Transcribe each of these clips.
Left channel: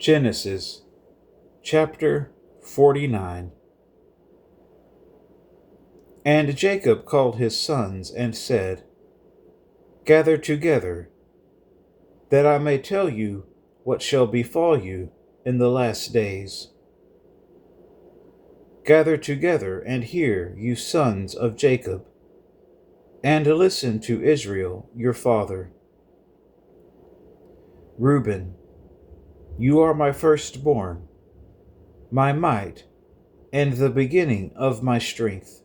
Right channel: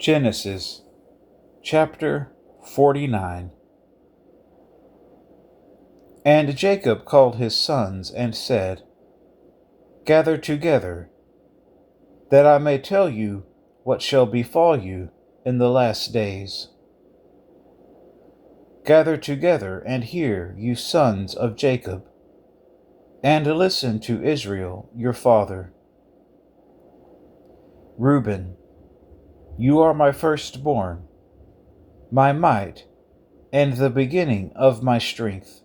Genesis chapter 49. And Jacob called his sons and said, Gather together, that I may tell you what shall befall you in the last days. Gather together and hear, you sons of Jacob, and listen to Israel your father. Reuben, you are my firstborn, my might, and the beginning of my strength,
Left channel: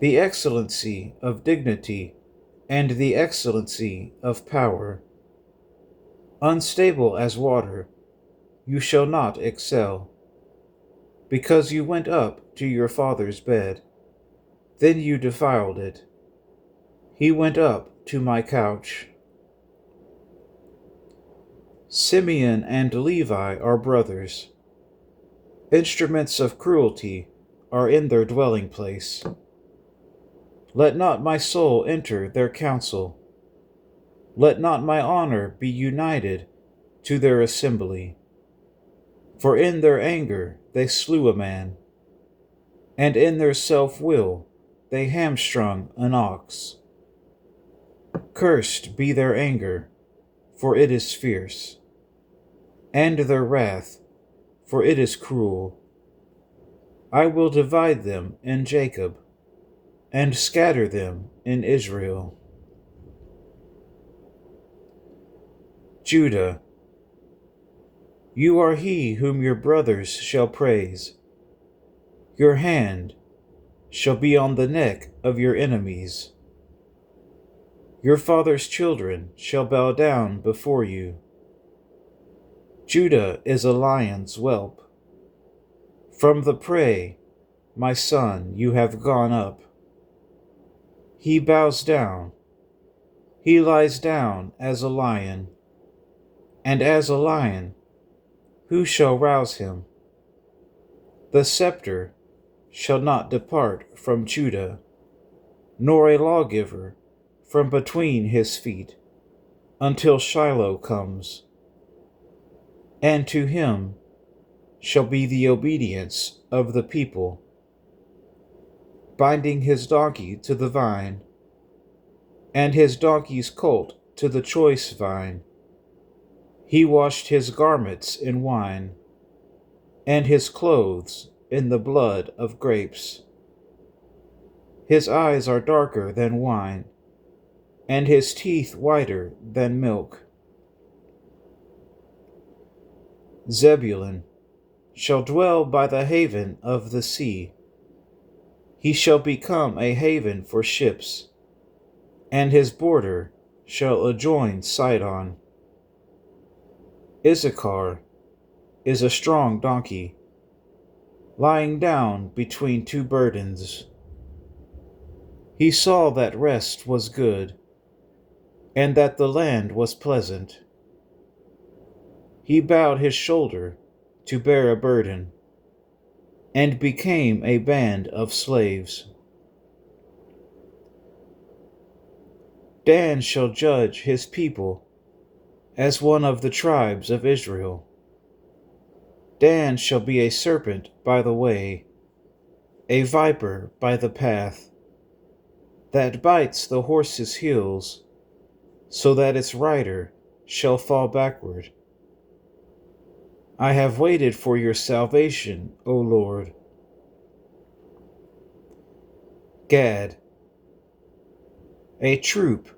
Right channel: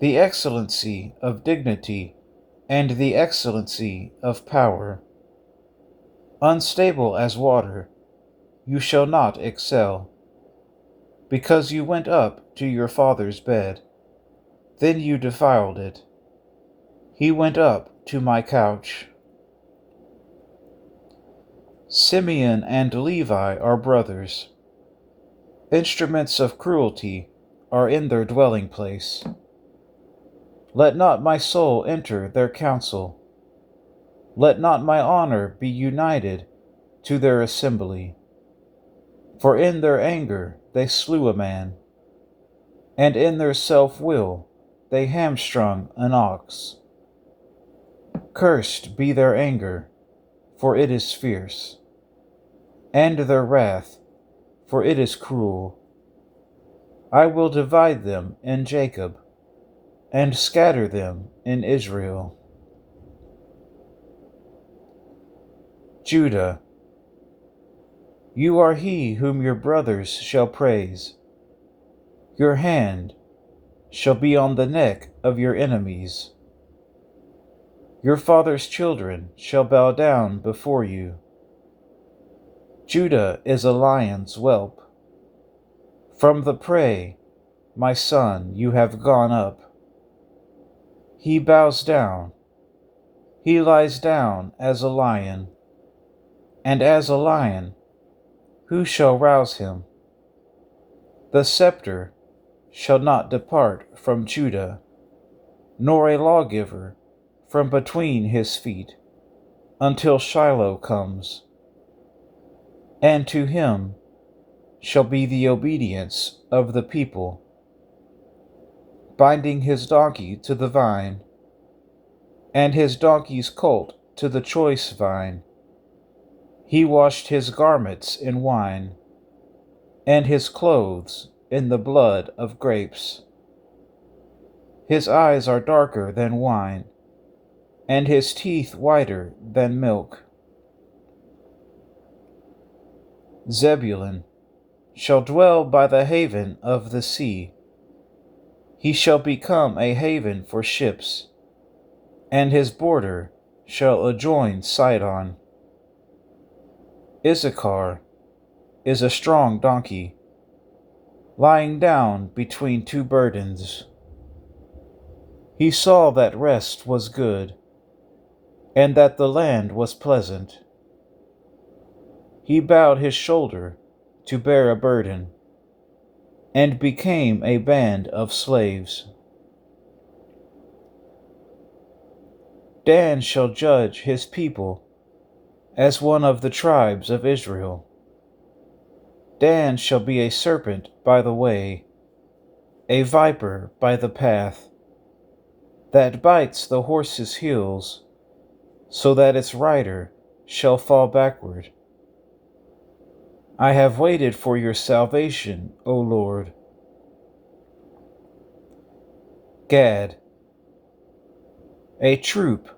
the excellency of dignity and the excellency of power. Unstable as water, you shall not excel, because you went up to your father's bed. Then you defiled it. He went up to my couch. Simeon and Levi are brothers. Instruments of cruelty are in their dwelling place. Let not my soul enter their council. Let not my honor be united to their assembly. For in their anger they slew a man, and in their self-will they hamstrung an ox. Cursed be their anger, for it is fierce, and their wrath, for it is cruel. I will divide them in Jacob, and scatter them in Israel. Judah, you are he whom your brothers shall praise. Your hand shall be on the neck of your enemies. Your father's children shall bow down before you. Judah is a lion's whelp. From the prey, my son, you have gone up. He bows down. He lies down as a lion. And as a lion, who shall rouse him? The scepter shall not depart from Judah, nor a lawgiver from between his feet, until Shiloh comes. And to him shall be the obedience of the people, binding his donkey to the vine, and his donkey's colt to the choice vine. He washed his garments in wine, and his clothes in the blood of grapes. His eyes are darker than wine, and his teeth whiter than milk. Zebulun shall dwell by the haven of the sea. He shall become a haven for ships, and his border shall adjoin Sidon. Issachar is a strong donkey, lying down between two burdens. He saw that rest was good, and that the land was pleasant. He bowed his shoulder to bear a burden, and became a band of slaves. Dan shall judge his people as one of the tribes of Israel. Dan shall be a serpent by the way, a viper by the path, that bites the horse's heels, so that its rider shall fall backward. I have waited for your salvation, O Lord. Gad, a troop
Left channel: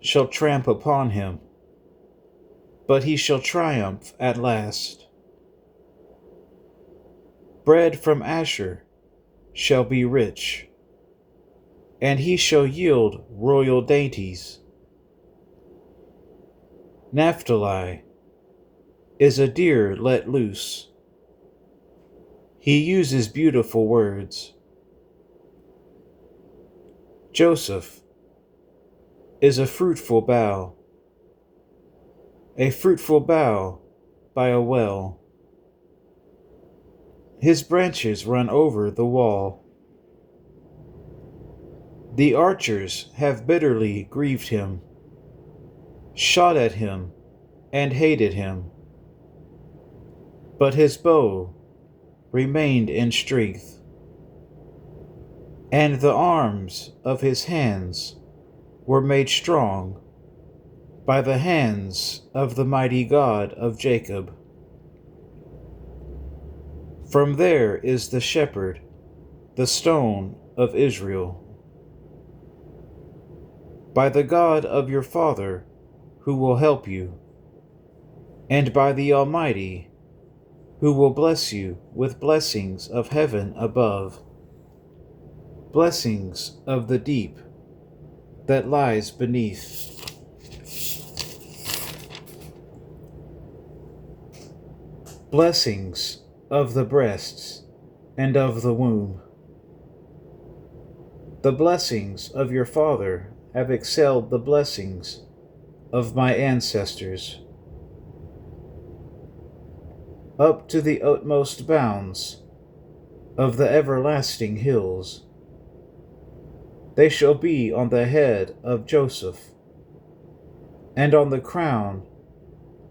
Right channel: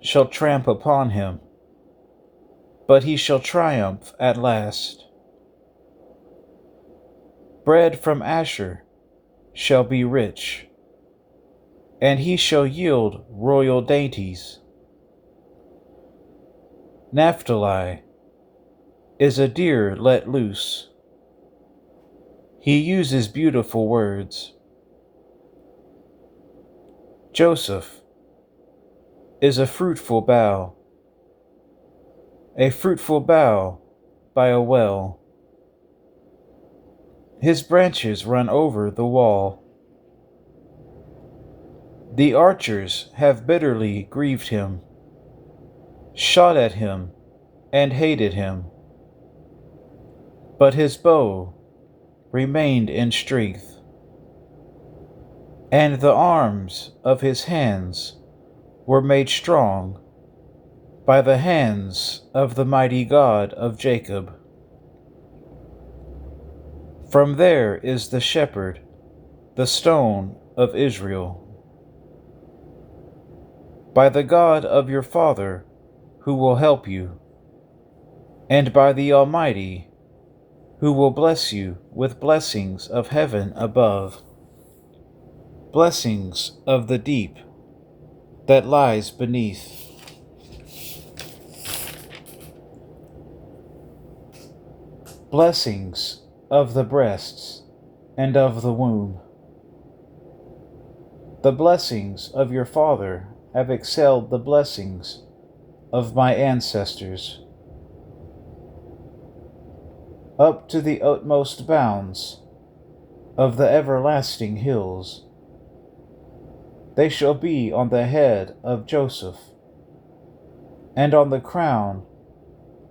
shall tramp upon him, but he shall triumph at last. Bread from Asher shall be rich, and he shall yield royal dainties. Naphtali is a deer let loose. He uses beautiful words. Joseph is a fruitful bough by a well. His branches run over the wall. The archers have bitterly grieved him, shot at him, and hated him. but his bow remained in strength, and the arms of his hands were made strong by the hands of the mighty God of Jacob. From there is the shepherd, the stone of Israel. By the God of your father, who will help you, and by the Almighty, who will bless you with blessings of heaven above, blessings of the deep that lies beneath. Blessings of the breasts and of the womb. The blessings of your father have excelled the blessings of my ancestors, up to the utmost bounds of the everlasting hills. They shall be on the head of Joseph, and on the crown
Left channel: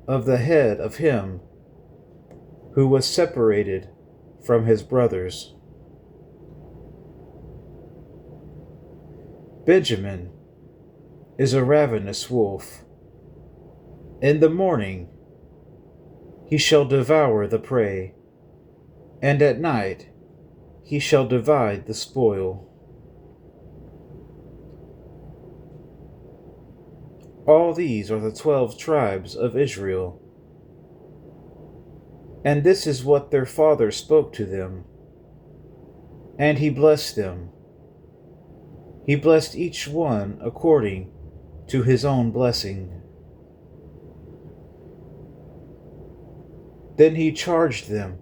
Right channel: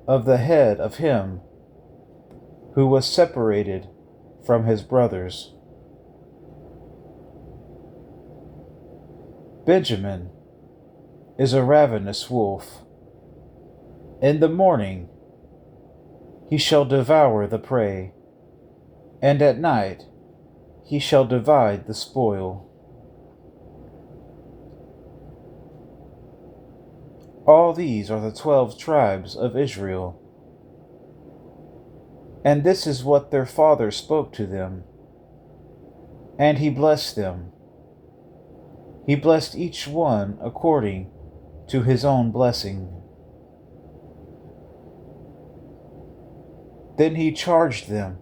of the head of him who was separated from his brothers. Benjamin is a ravenous wolf. In the morning he shall devour the prey, and at night he shall divide the spoil. All these are the 12 tribes of Israel, and this is what their father spoke to them. And he blessed them. He blessed each one according to his own blessing. Then he charged them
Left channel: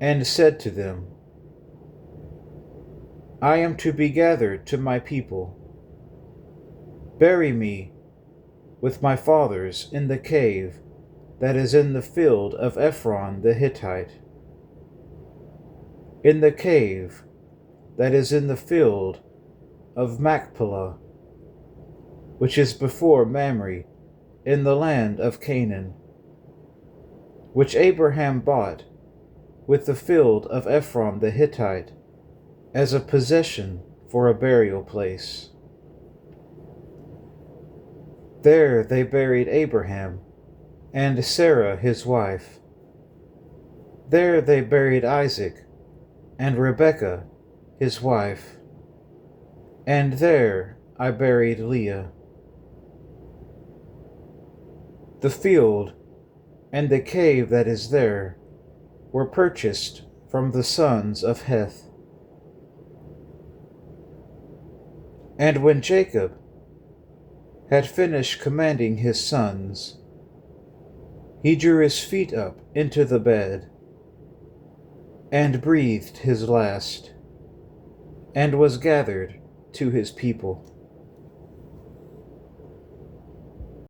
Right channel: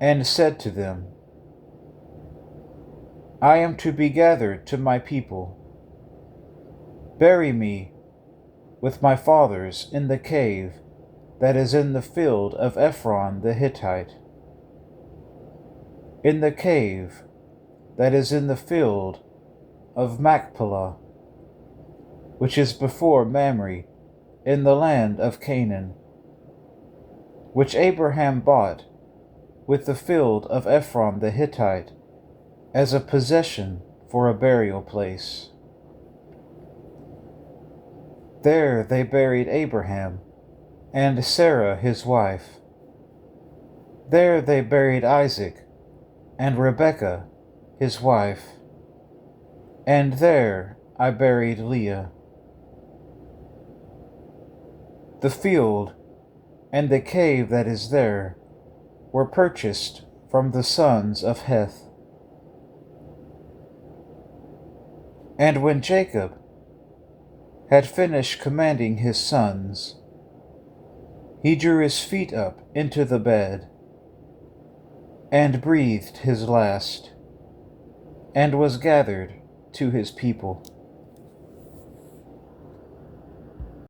and said to them, I am to be gathered to my people. Bury me with my fathers in the cave that is in the field of Ephron the Hittite, in the cave that is in the field of Machpelah, which is before Mamre, in the land of Canaan, which Abraham bought with the field of Ephron the Hittite as a possession for a burial place. There they buried Abraham and Sarah his wife. There they buried Isaac and Rebekah his wife. And there I buried Leah. The field and the cave that is there were purchased from the sons of Heth. And when Jacob had finished commanding his sons, he drew his feet up into the bed, and breathed his last, and was gathered to his people.